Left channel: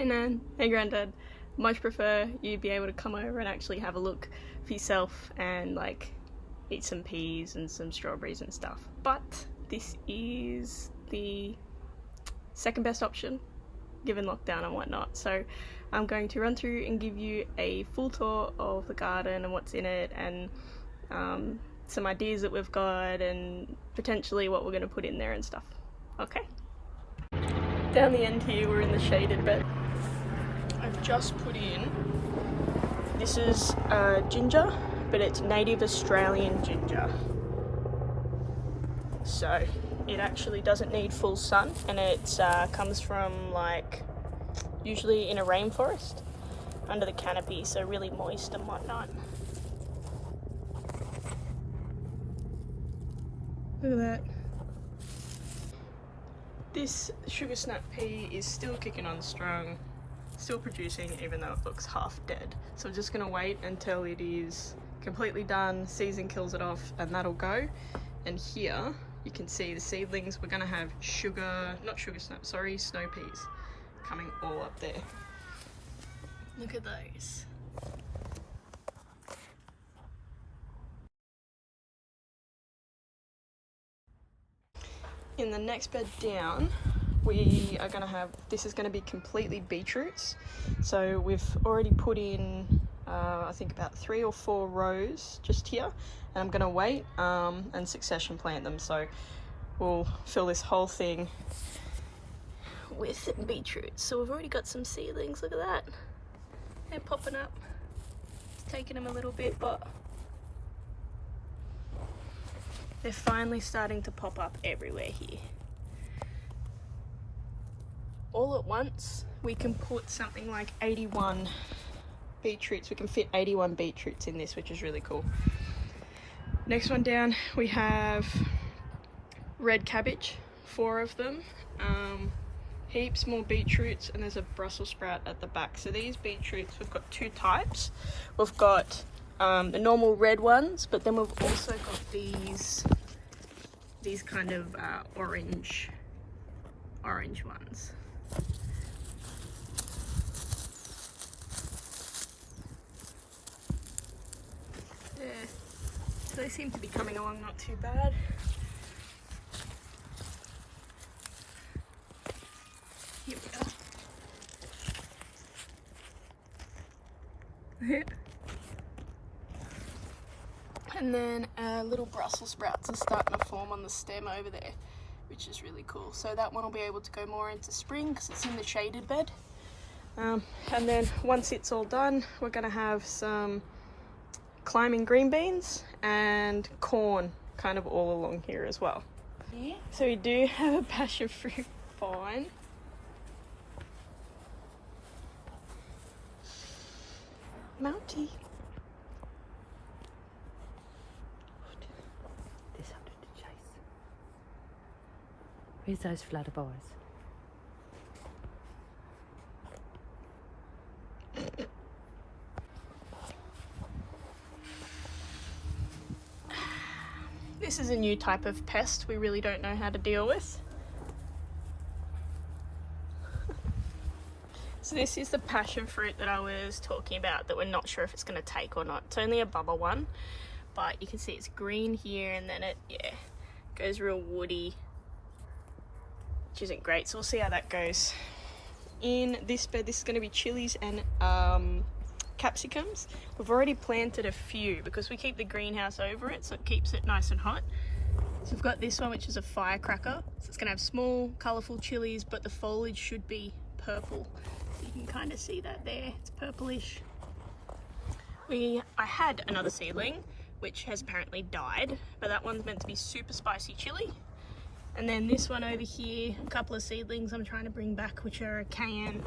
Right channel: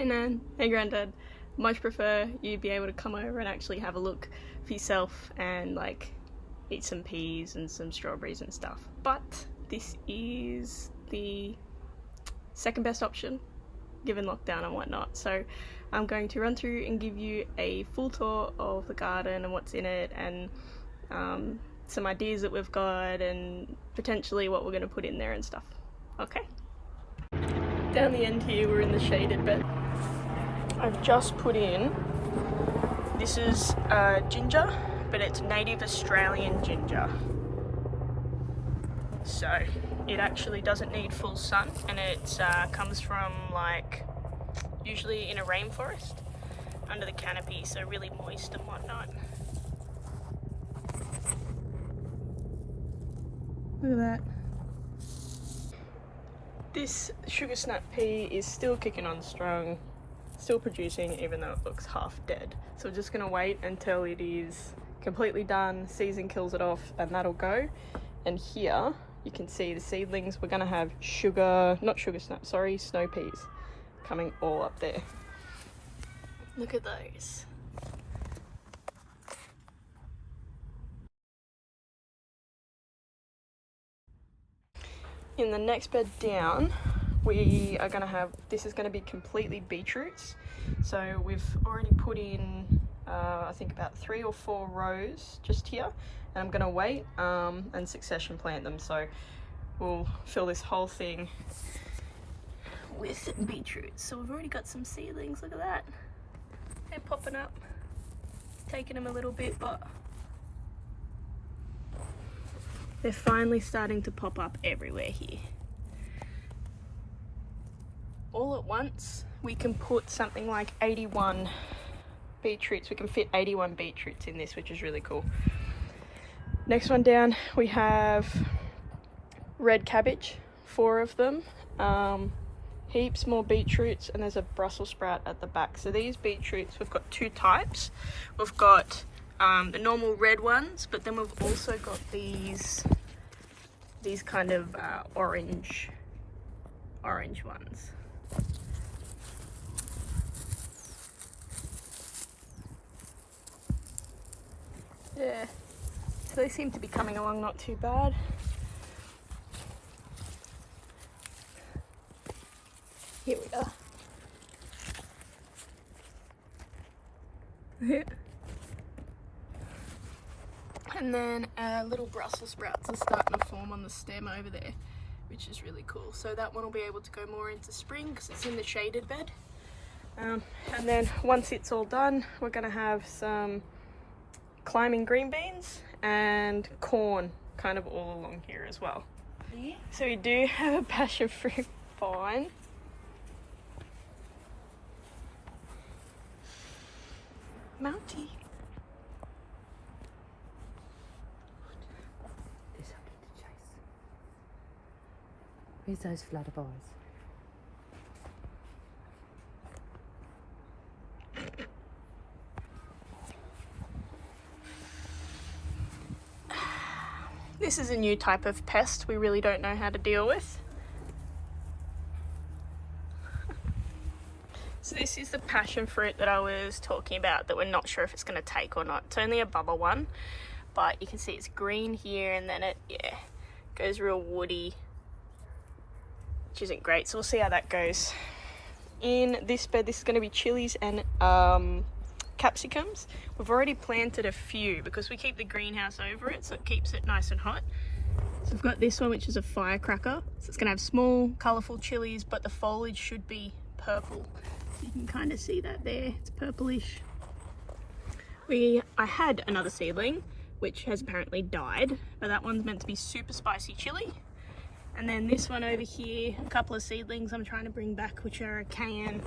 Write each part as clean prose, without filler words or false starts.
Hey Nan, hey Grandad. Much prefer you be able to come over and actually have a look for yourself and like eat some peas and some strawberries and stuff. But this is the second best option given lockdown and whatnot. So I'm going to run through and give you a full tour of the garden and what's in it, and some ideas that we've got and potentially what we're going to put in there and stuff. Okay? Down the end here we're in the shaded bed. I've just put in, this is ginger, but it's native Australian ginger. So it actually doesn't need full sun, and it comes from like usually in a rainforest under the canopy, so really moist and whatnot. Look at that. This sugar snap pea is still kicking on strong, still producing even though it looks half dead. So we're just gonna wait until it is completely done, season kills it off, and that'll go. And here you can see the seedlings. We're gonna have snow peas coming all up there. Look at those. In the next bed down, we are going to have, this is going to be completely beetroots. So we've already put in, I think about 3 or 4 rows just here. And I'm going to wait and succession plant them. So we'll fill this whole thing with beetroots. So we've already got some seedlings, look at that. They're popping up. It's taking them a little bit, but they're finally starting to pop up everywhere here. All at once, we can put something like 81 beetroots. We can fit 81 beetroots in this, which is really cool. Next one down, we have red cabbage, 4 of them. Heaps more beetroots, and there's a Brussels sprout at the back. So these beetroots, we've got 2 types. We've got the normal red ones, but then we've also got these kind of orange ones. Yeah, so they seem to be coming along not too bad. Here we are. And then little Brussels sprouts are starting to form on the stem over there, which is really cool. So that one will be able to go more into spring because it's in the shaded bed. And then once it's all done, we're going to have some climbing green beans and corn kind of all along here as well. Yeah. So we do have a passion fruit vine. Mountie. Where's those flutterboys? This is a new type of pest we really don't know how to deal with. So this is the passion fruit that I was talking about that we're not sure if it's going to take or not. It's only a bubble one, but you can see it's green here, and then it goes real woody, which isn't great. So we'll see how that goes. In this bed, this is going to be chilies and capsicums. We've already planted a few because we keep the greenhouse over it, so it keeps it nice and hot. So we've got this one, which is a firecracker. So it's going to have small, colourful chilies, but the foliage should be purple. You can kind of see that there. It's purplish. I had another seedling, which has apparently died, but that one's meant to be super spicy chili. And then this one over here, a couple of seedlings I'm trying to bring back, which are a cayenne.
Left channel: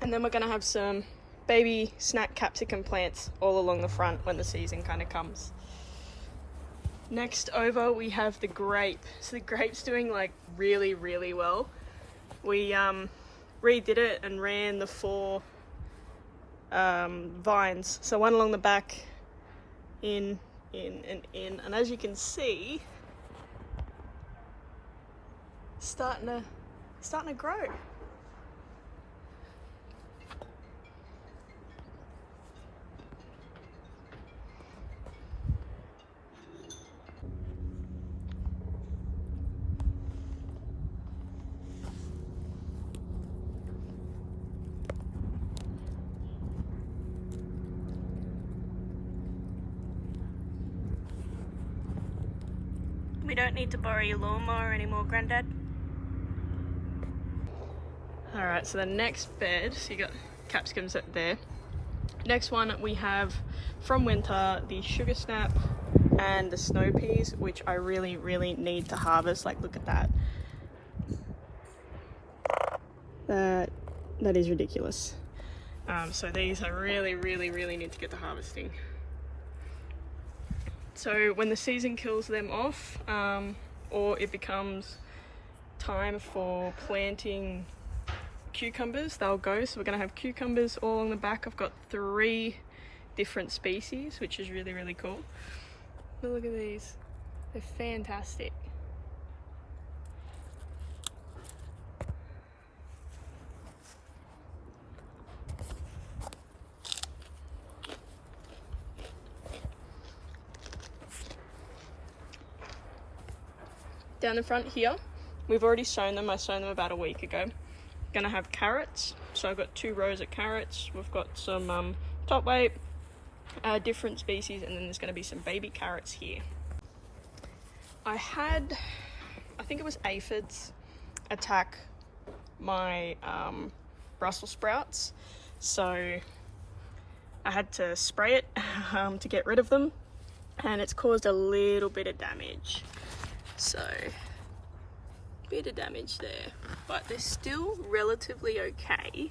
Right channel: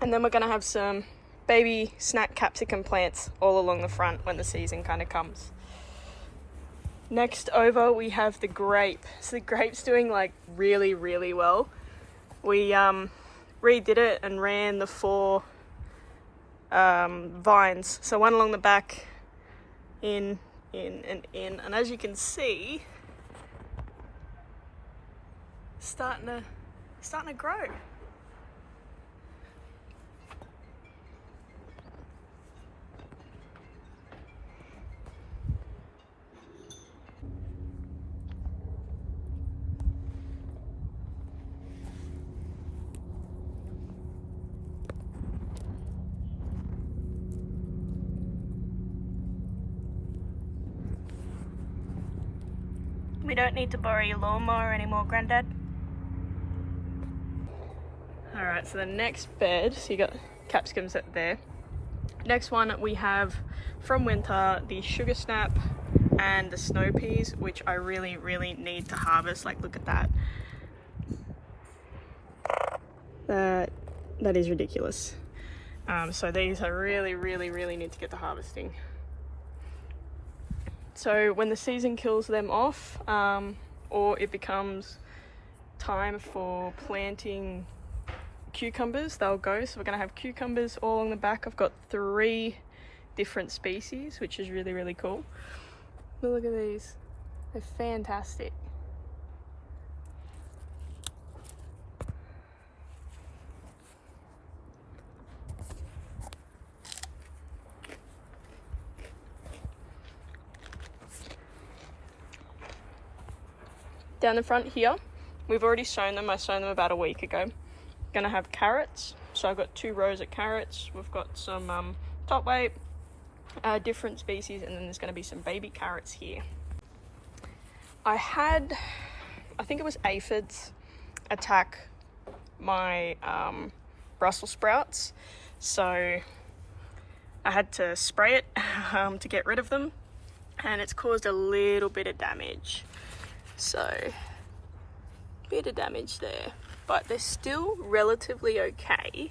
And then we're going to have some baby snack capsicum plants all along the front when the season kind of comes. Next over, we have the grape. So the grape's doing like really, really well. We redid it and ran the 4 vines. So one along the back, in, and in. And as you can see, starting to grow. We don't need to borrow your lawnmower anymore, Grandad. Alright, so the next bed, so you got capsicums there. Next one we have from winter the sugar snap and the snow peas, which I really need to harvest. Like, look at that. That is ridiculous. So these I really need to get to harvesting. So when the season kills them off, or it becomes time for planting cucumbers, they'll go. So we're going to have cucumbers all on the back. I've got 3 different species, which is really cool. But look at these, they're fantastic. Down the front here, we've already sown them. I sown them about a week ago. Gonna have carrots, so I've got 2 rows of carrots. We've got some top weight, different species, and then there's gonna be some baby carrots here. I think it was aphids attack my Brussels sprouts, so I had to spray it to get rid of them, and it's caused a little bit of damage. So, bit of damage there, but they're still relatively okay.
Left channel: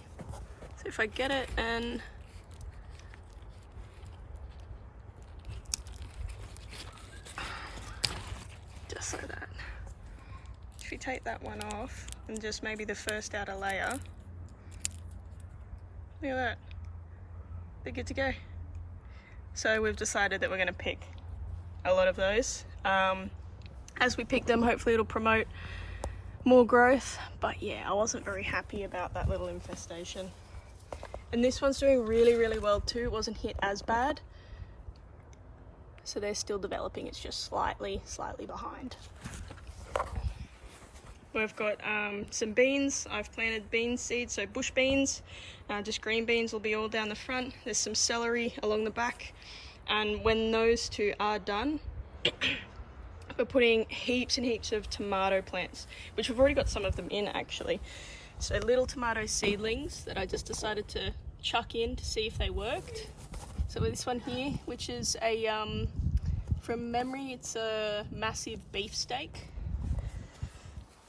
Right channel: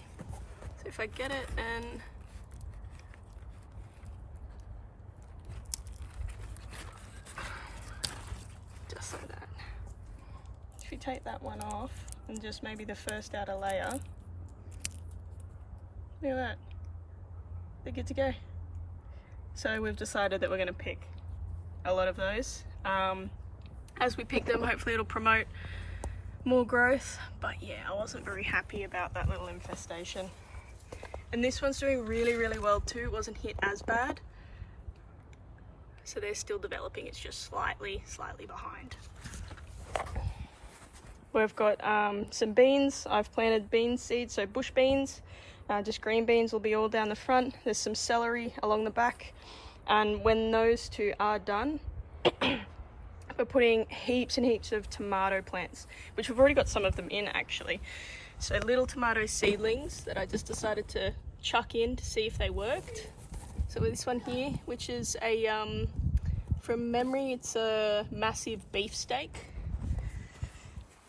So if I get it and just like that. If you take that one off and just maybe the first outer layer, look at that, they're good to go. So we've decided that we're going to pick a lot of those. As we pick them, hopefully it'll promote more growth. But yeah, I wasn't very happy about that little infestation. And this one's doing really well too. It wasn't hit as bad. So they're still developing. It's just slightly behind. We've got some beans. I've planted bean seeds, so bush beans. Just green beans will be all down the front. There's some celery along the back. And when those 2 are done, we're putting heaps and heaps of tomato plants, which we've already got some of them in actually. So little tomato seedlings that I just decided to chuck in to see if they worked. So with this one here, which is a, from memory, it's a massive beefsteak.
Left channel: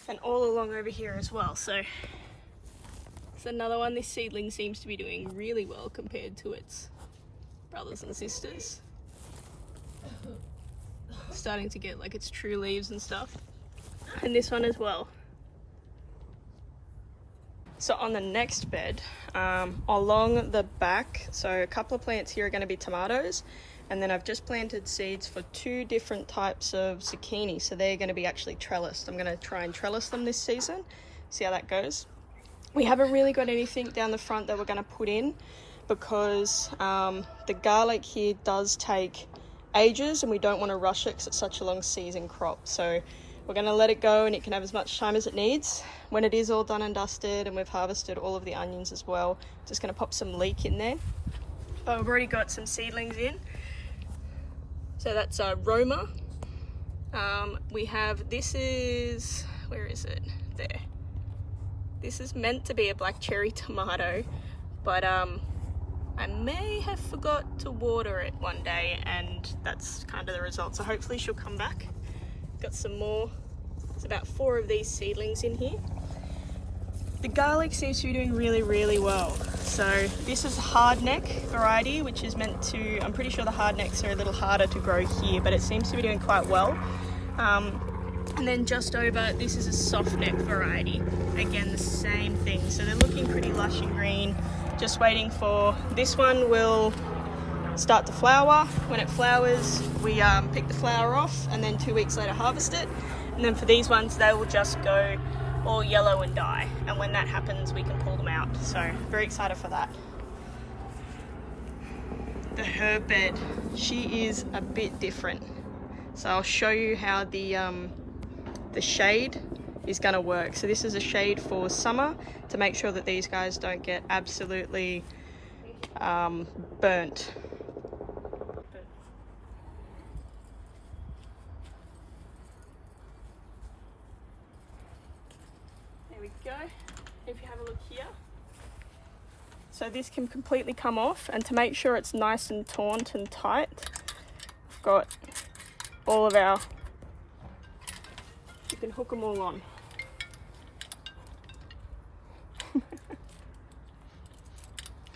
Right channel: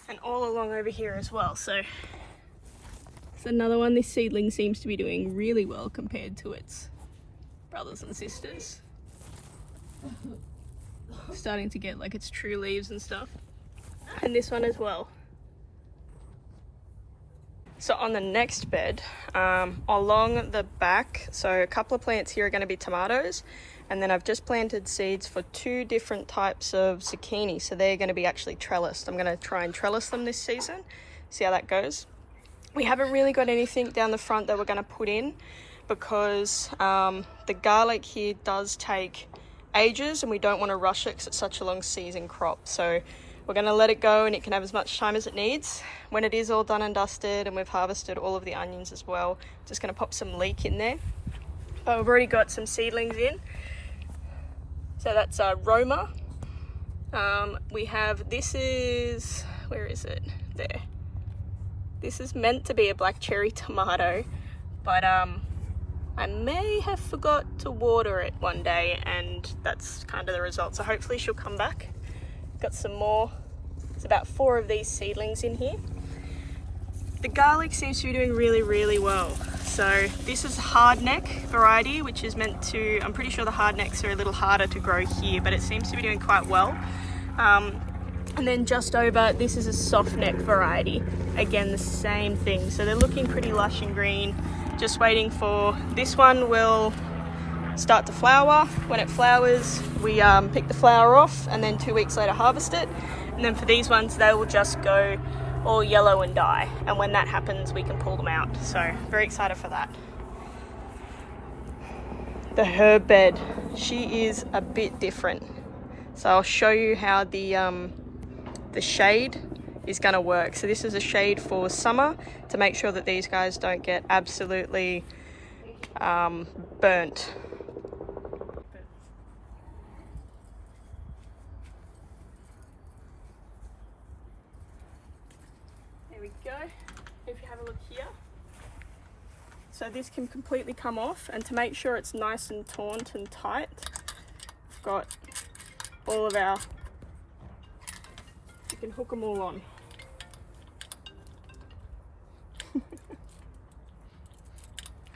And all along over here as well. So it's another one. This seedling seems to be doing really well compared to its brothers and sisters. Starting to get like its true leaves and stuff. And this one as well. So on the next bed, along the back, so a couple of plants here are going to be tomatoes, and then I've just planted seeds for 2 different types of zucchini, so they're going to be actually trellised. I'm going to try and trellis them this season, see how that goes. We haven't really got anything down the front that we're going to put in because the garlic here does take ages and we don't want to rush it because it's such a long season crop. So we're going to let it go and it can have as much time as it needs. When it is all done and dusted and we've harvested all of the onions as well, just going to pop some leek in there. But we've already got some seedlings in. So that's Roma. We have, this is, where is it? There. This is meant to be a black cherry tomato, but I may have forgot to water it one day and that's kind of the result. So hopefully she'll come back. Got some more. There's about 4 of these seedlings in here. The garlic seems to be doing really well. So this is a hardneck variety, which is meant to, I'm pretty sure the hardnecks are a little harder to grow here, but it seems to be doing quite well. And then just over, this is a soft neck variety. Again, the same thing. So they're looking pretty lush and green. Just waiting for, this one will start to flower. When it flowers, we pick the flower off and then 2 weeks later harvest it. And then for these ones, they will just go all yellow and die. And when that happens, we can pull them out. So very excited for that. The herb bed, she is a bit different. So I'll show you how the shade is going to work. So this is a shade for summer to make sure that these guys don't get absolutely burnt. look here. So this can completely come off, and to make sure it's nice and taut and tight, we've got all of our, you can hook them all on.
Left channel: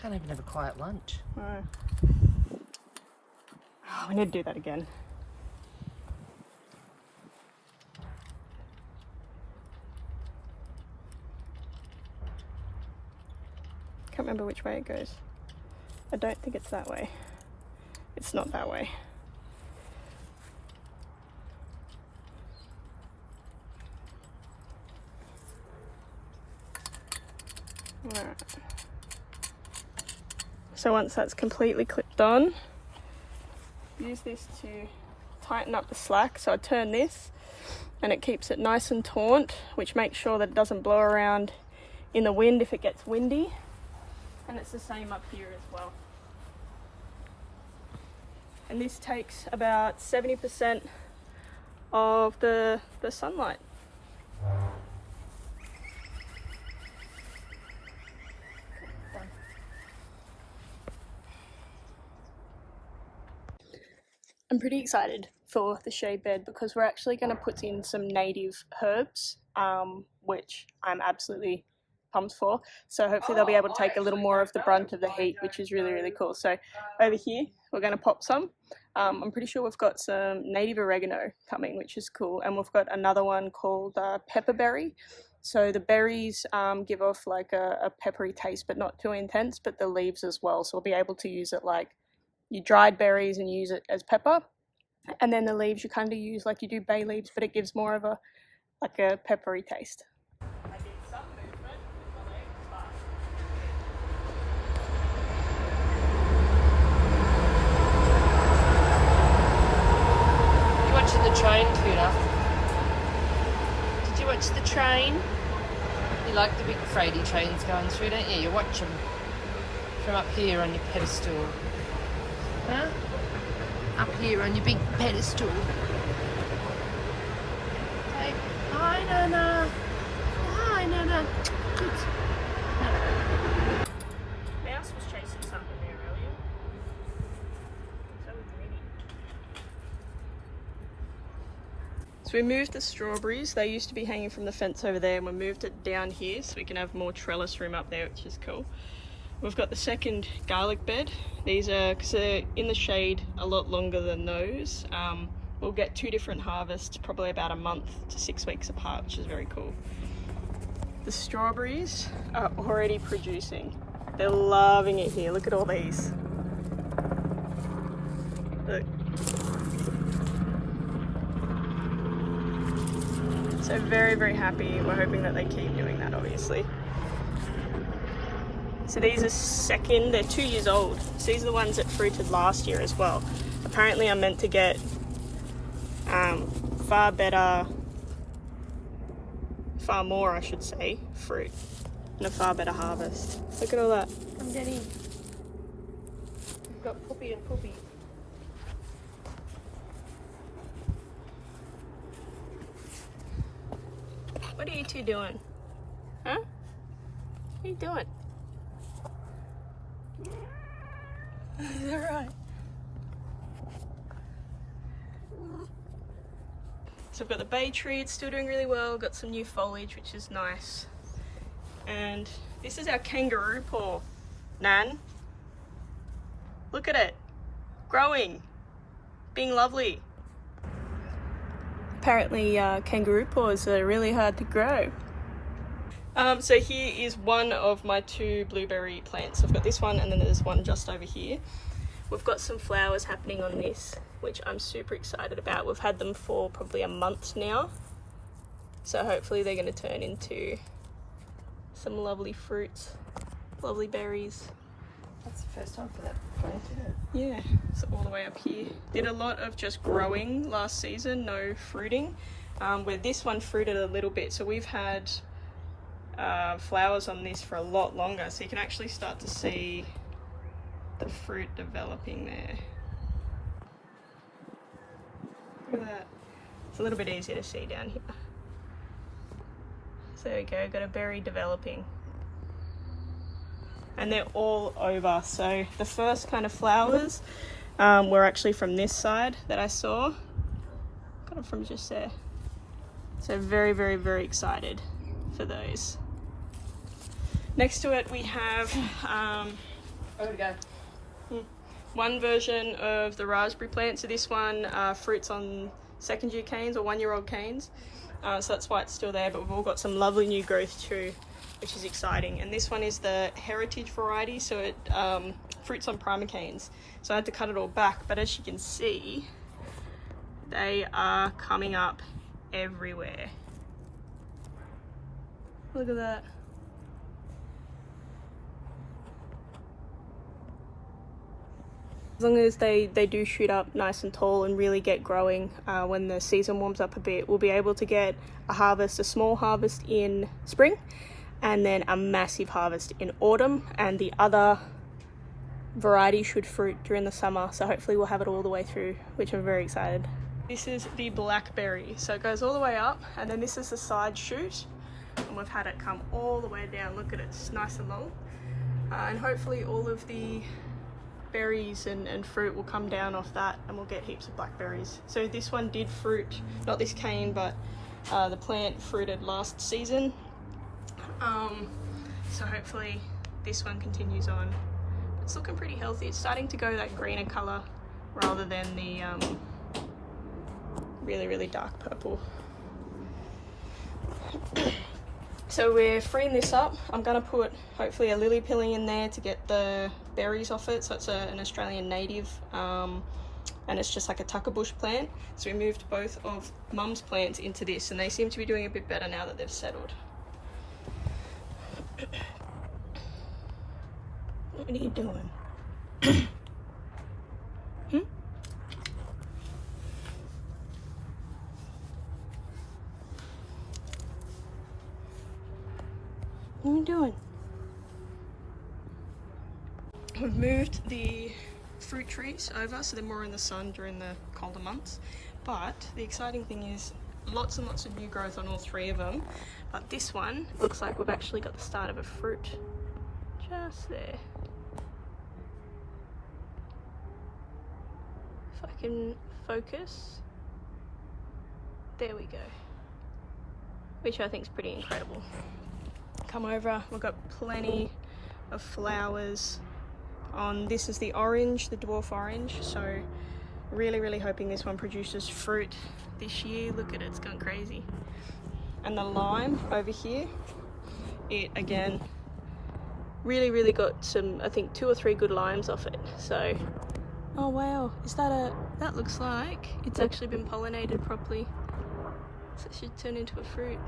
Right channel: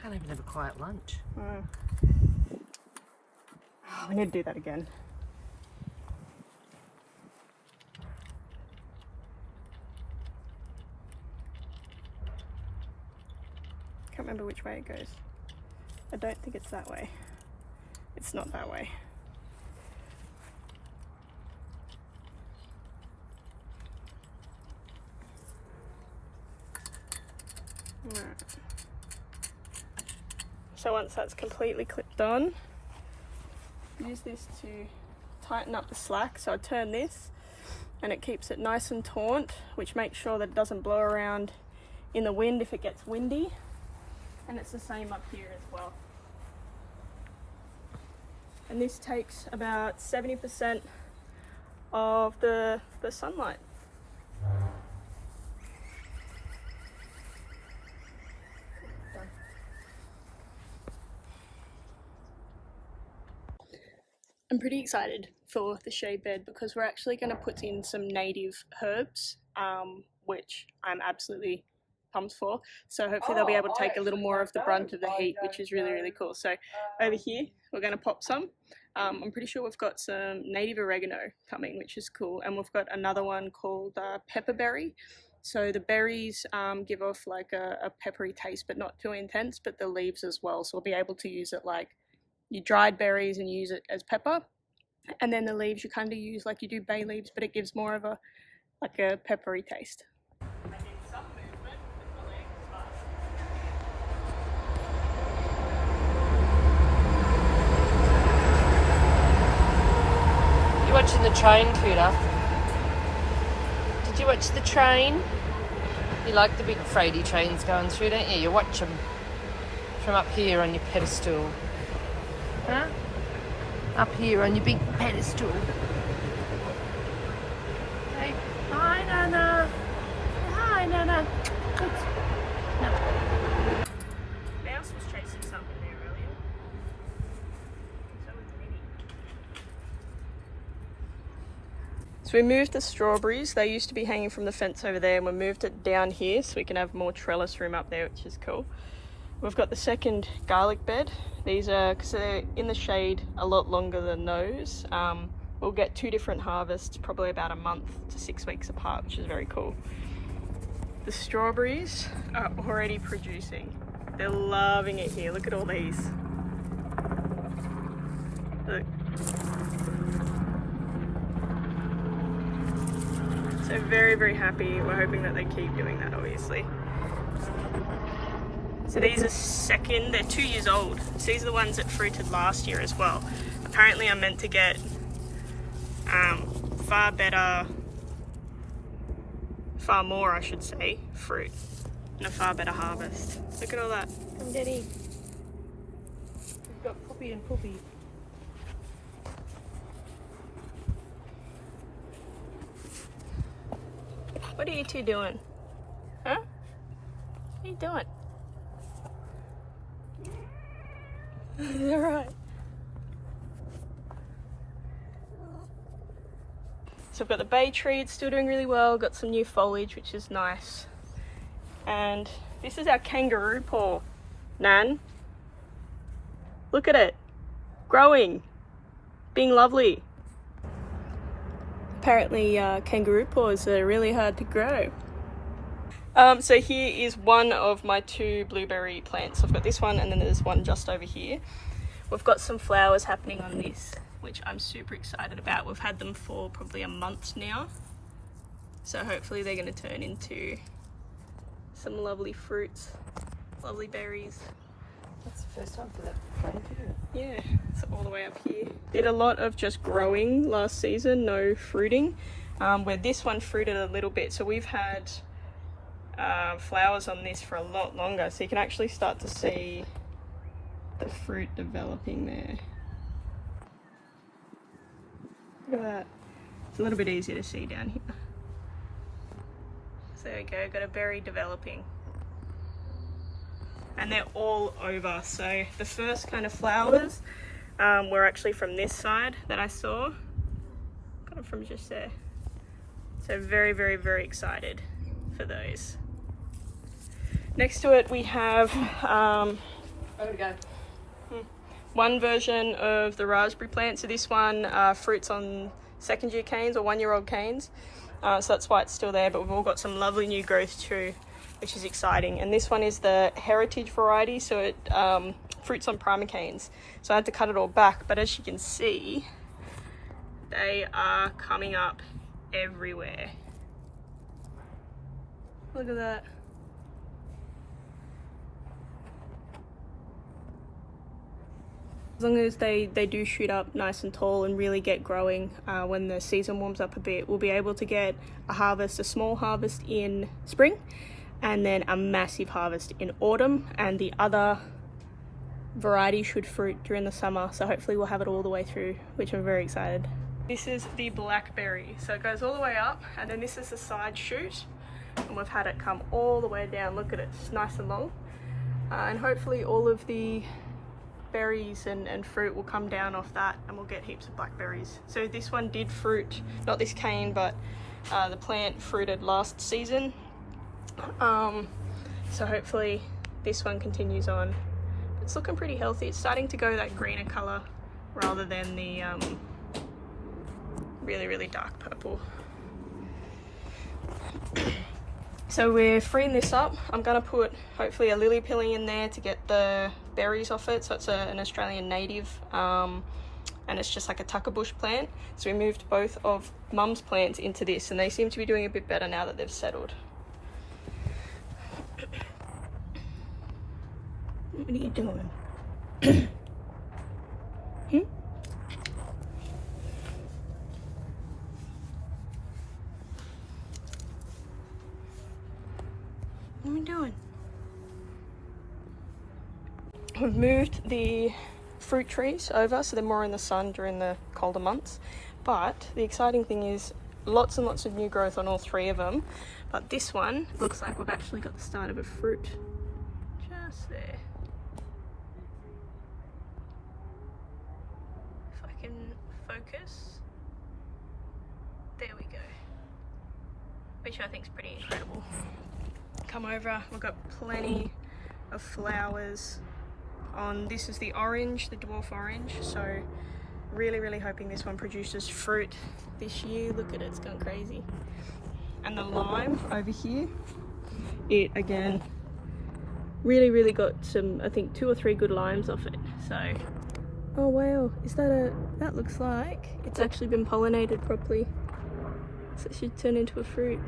Can't even have a quiet lunch. No. Oh, we need to do that again. Can't remember which way it goes. I don't think it's that way. It's not that way. Alright. So once that's completely clipped on, use this to tighten up the slack. So I turn this and it keeps it nice and taut, which makes sure that it doesn't blow around in the wind if it gets windy. And it's the same up here as well. And this takes about 70% of the sunlight. I'm pretty excited for the shade bed because we're actually going to put in some native herbs, which I'm absolutely pumped for. So hopefully they'll be able to take a little more of the brunt of the heat, which is really, really cool. So over here, we're going to pop some. I'm pretty sure we've got some native oregano coming, which is cool. And we've got another one called pepperberry. So the berries give off like a peppery taste, but not too intense, but the leaves as well. So we'll be able to use it like you dried berries and use it as pepper. And then the leaves you kind of use like you do bay leaves, but it gives more of a like a peppery taste. You watching the train, Kuda? Did you watch the train? You like the big freighty trains going through, don't you? You watch them from up here on your pedestal. Huh? Up here on your big pedestal. Hey, hi Nana. Hi Nana. Good. Nana. Mouse was chasing something there earlier. So we moved the strawberries. They used to be hanging from the fence over there, and we moved it down here so we can have more trellis room up there, which is cool. We've got the second garlic bed. These are, because they're in the shade a lot longer than those, we'll get 2 different harvests, probably about a month to 6 weeks apart, which is very cool. The strawberries are already producing. They're loving it here. Look at all these. Look. So very, very happy. We're hoping that they keep doing that, obviously. So these are they're 2 years old. So these are the ones that fruited last year as well. Apparently I'm meant to get far more, I should say, fruit and a far better harvest. Look at all that. I'm getting. We've got Poppy and Poppy. What are you two doing? Huh? What are you doing? Is that right? So I've got the bay tree, it's still doing really well, got some new foliage which is nice. And this is our kangaroo paw, Nan. Look at it, growing, being lovely. Apparently kangaroo paws are really hard to grow. So here is one of my 2 blueberry plants. I've got this one and then there's one just over here. We've got some flowers happening on this, which I'm super excited about. We've had them for probably a month now. So hopefully they're going to turn into some lovely fruits, lovely berries. That's the first time for that plant, isn't it? Yeah, so all the way up here. Did a lot of just growing last season, no fruiting. Where this one fruited a little bit. So we've had flowers on this for a lot longer, so you can actually start to see the fruit developing there. Look at that. It's a little bit easier to see down here. So there we go, got a berry developing. and they're all over. So the first kind of flowers were actually from this side that I saw. Got them from just there. So very, very, very excited for those. Next to it we have one version of the raspberry plant. So this one fruits on second year canes or 1-year-old canes. So that's why it's still there, but we've all got some lovely new growth too, which is exciting. And this one is the heritage variety, so it fruits on primer canes. So I had to cut it all back, but as you can see, they are coming up everywhere. Look at that. As long as they do shoot up nice and tall and really get growing when the season warms up a bit, we'll be able to get a small harvest in spring, and then a massive harvest in autumn, and the other variety should fruit during the summer. So hopefully we'll have it all the way through, which I'm very excited. This is the blackberry. So it goes all the way up, and then this is the side shoot, and we've had it come all the way down. Look at it, it's nice and long. And hopefully all of the berries and fruit will come down off that, and we'll get heaps of blackberries. So this one did fruit, not this cane, but the plant fruited last season. So hopefully this one continues on. It's looking pretty healthy. It's starting to go that greener color rather than the really, really dark purple. So we're freeing this up. I'm gonna put hopefully a lily pilling in there to get the berries off it. So it's an Australian native, and it's just like a tucker bush plant. So we moved both of Mum's plants into this, and they seem to be doing a bit better now that they've settled. What are you doing? What are we doing? We've moved the fruit trees over so they're more in the sun during the colder months, but the exciting thing is lots and lots of new growth on all 3 of them. But this one looks like we've actually got the start of a fruit just there. If I can focus, there we go, which I think is pretty incredible. Come over, we've got plenty of flowers on. This is the orange, the dwarf orange, so really, really hoping this one produces fruit this year. Look at it, it's gone crazy. And the lime over here, it again really, really got some, I think 2 or 3 good limes off it. So, oh wow, is that that looks like it's actually been pollinated properly, so it should turn into a fruit.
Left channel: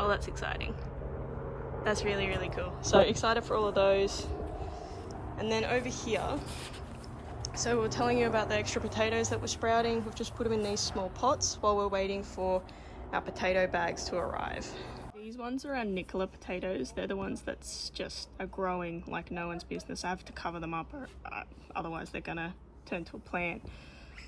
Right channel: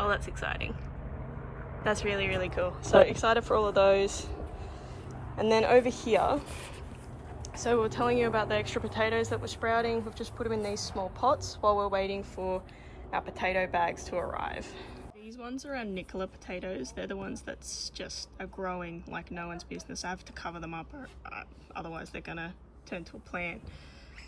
Oh, that's exciting. That's really, really cool. So excited for all of those. And then over here, so we were telling you about the extra potatoes that were sprouting. We've just put them in these small pots while we're waiting for our potato bags to arrive. These ones are our Nicola potatoes. They're the ones that's just are growing like no one's business. I have to cover them up, or otherwise they're gonna turn to a plant.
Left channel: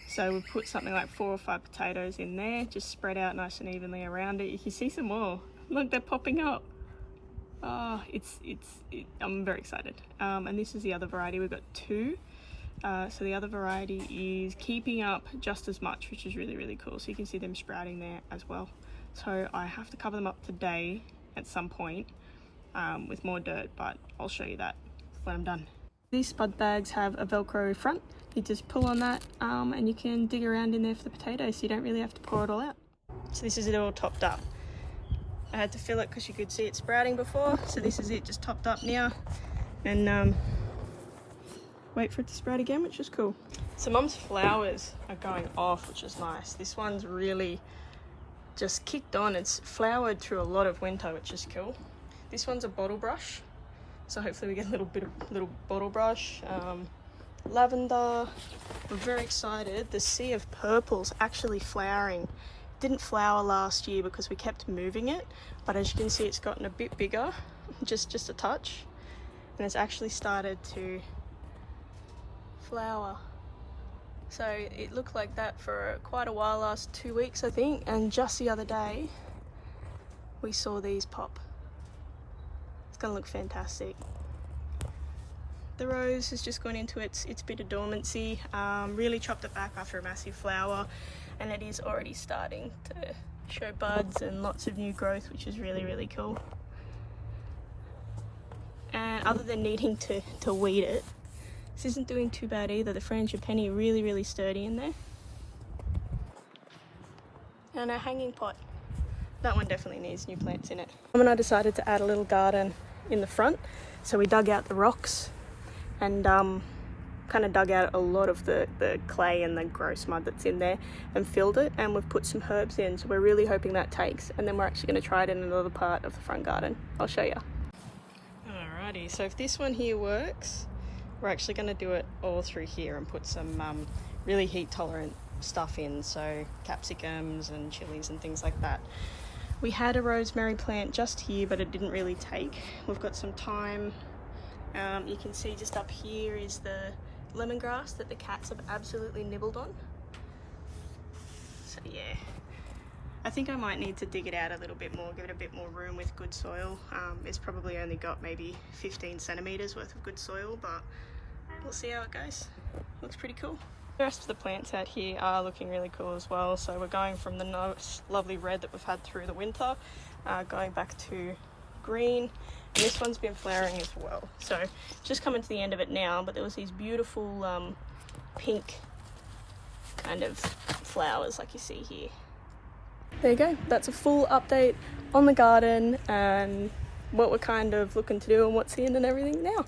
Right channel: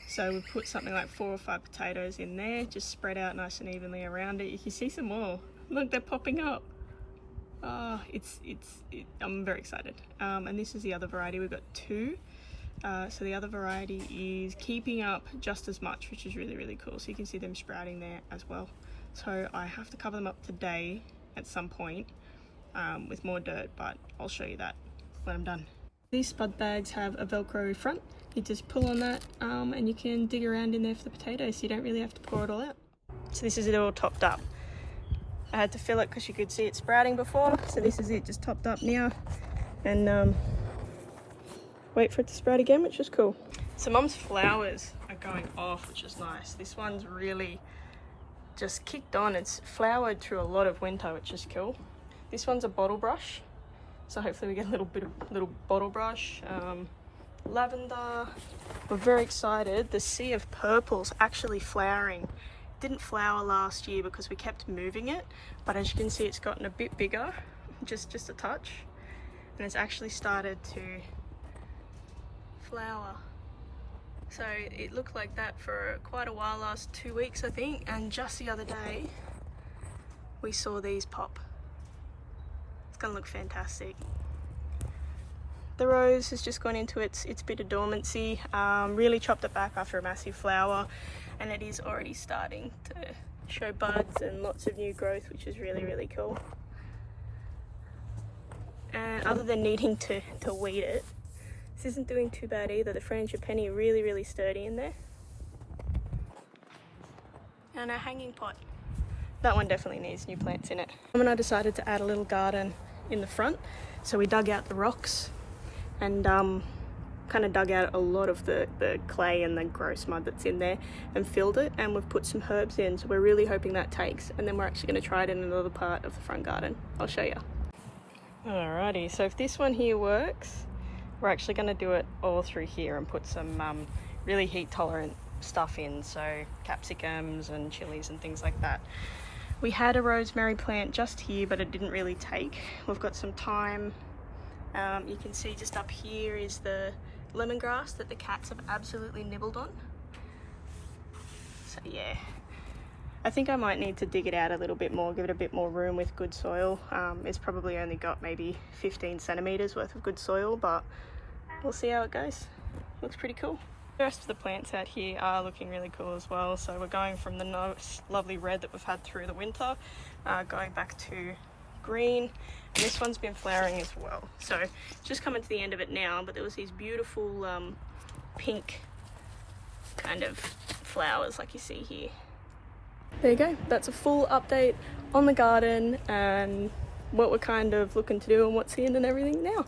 So we've put something like 4 or 5 potatoes in there, just spread out nice and evenly around it. You can see some more. Look, they're popping up. I'm very excited. And this is the other variety. We've got 2. So the other variety is keeping up just as much, which is really, really cool. So you can see them sprouting there as well. So I have to cover them up today at some point with more dirt, but I'll show you that when I'm done. These spud bags have a Velcro front. You just pull on that and you can dig around in there for the potatoes, so you don't really have to pour it all out. So this is it all topped up. I had to fill it because you could see it sprouting before, so this is it just topped up now, and wait for it to sprout again, which is cool. So Mum's flowers are going off, which is nice. This one's really just kicked on. It's flowered through a lot of winter, which is cool. This one's a bottle brush, so hopefully we get a little bottle brush. Lavender, we're very excited. The sea of purple's actually flowering. Didn't flower last year because we kept moving it, but as you can see, it's gotten a bit bigger, just a touch, and it's actually started to flower. So it looked like that for quite a while, last 2 weeks I think, and just the other day we saw these pop. It's gonna look fantastic. The rose has just gone into its bit of dormancy. Really chopped it back after a massive flower, and it is already starting to show buds and lots of new growth, which is really, really cool. And other than needing to weed it, this isn't doing too bad either. The frangipani are really, really sturdy in there. And our hanging pot, that one definitely needs new plants in it. Mum and I decided to add a little garden in the front, so we dug out the rocks and kind of dug out a lot of the clay and the gross mud that's in there and filled it, and we've put some herbs in, so we're really hoping that takes, and then we're actually going to try it in another part of the front garden. I'll show you. Alrighty, so if this one here works, we're actually going to do it all through here and put some really heat tolerant stuff in, so capsicums and chilies and things like that. We had a rosemary plant just here, but it didn't really take. We've got some thyme. You can see just up here is the lemongrass that the cats have absolutely nibbled on. So yeah, I think I might need to dig it out a little bit more, give it a bit more room with good soil. It's probably only got maybe 15 centimeters worth of good soil, but we'll see how it goes. Looks pretty cool. The rest of the plants out here are looking really cool as well. So we're going from the nice, lovely red that we've had through the winter, going back to green. And this one's been flowering as well. So just coming to the end of it now, but there was these beautiful pink kind of flowers like you see here. There you go. That's a full update on the garden and what we're kind of looking to do and what's in and everything now.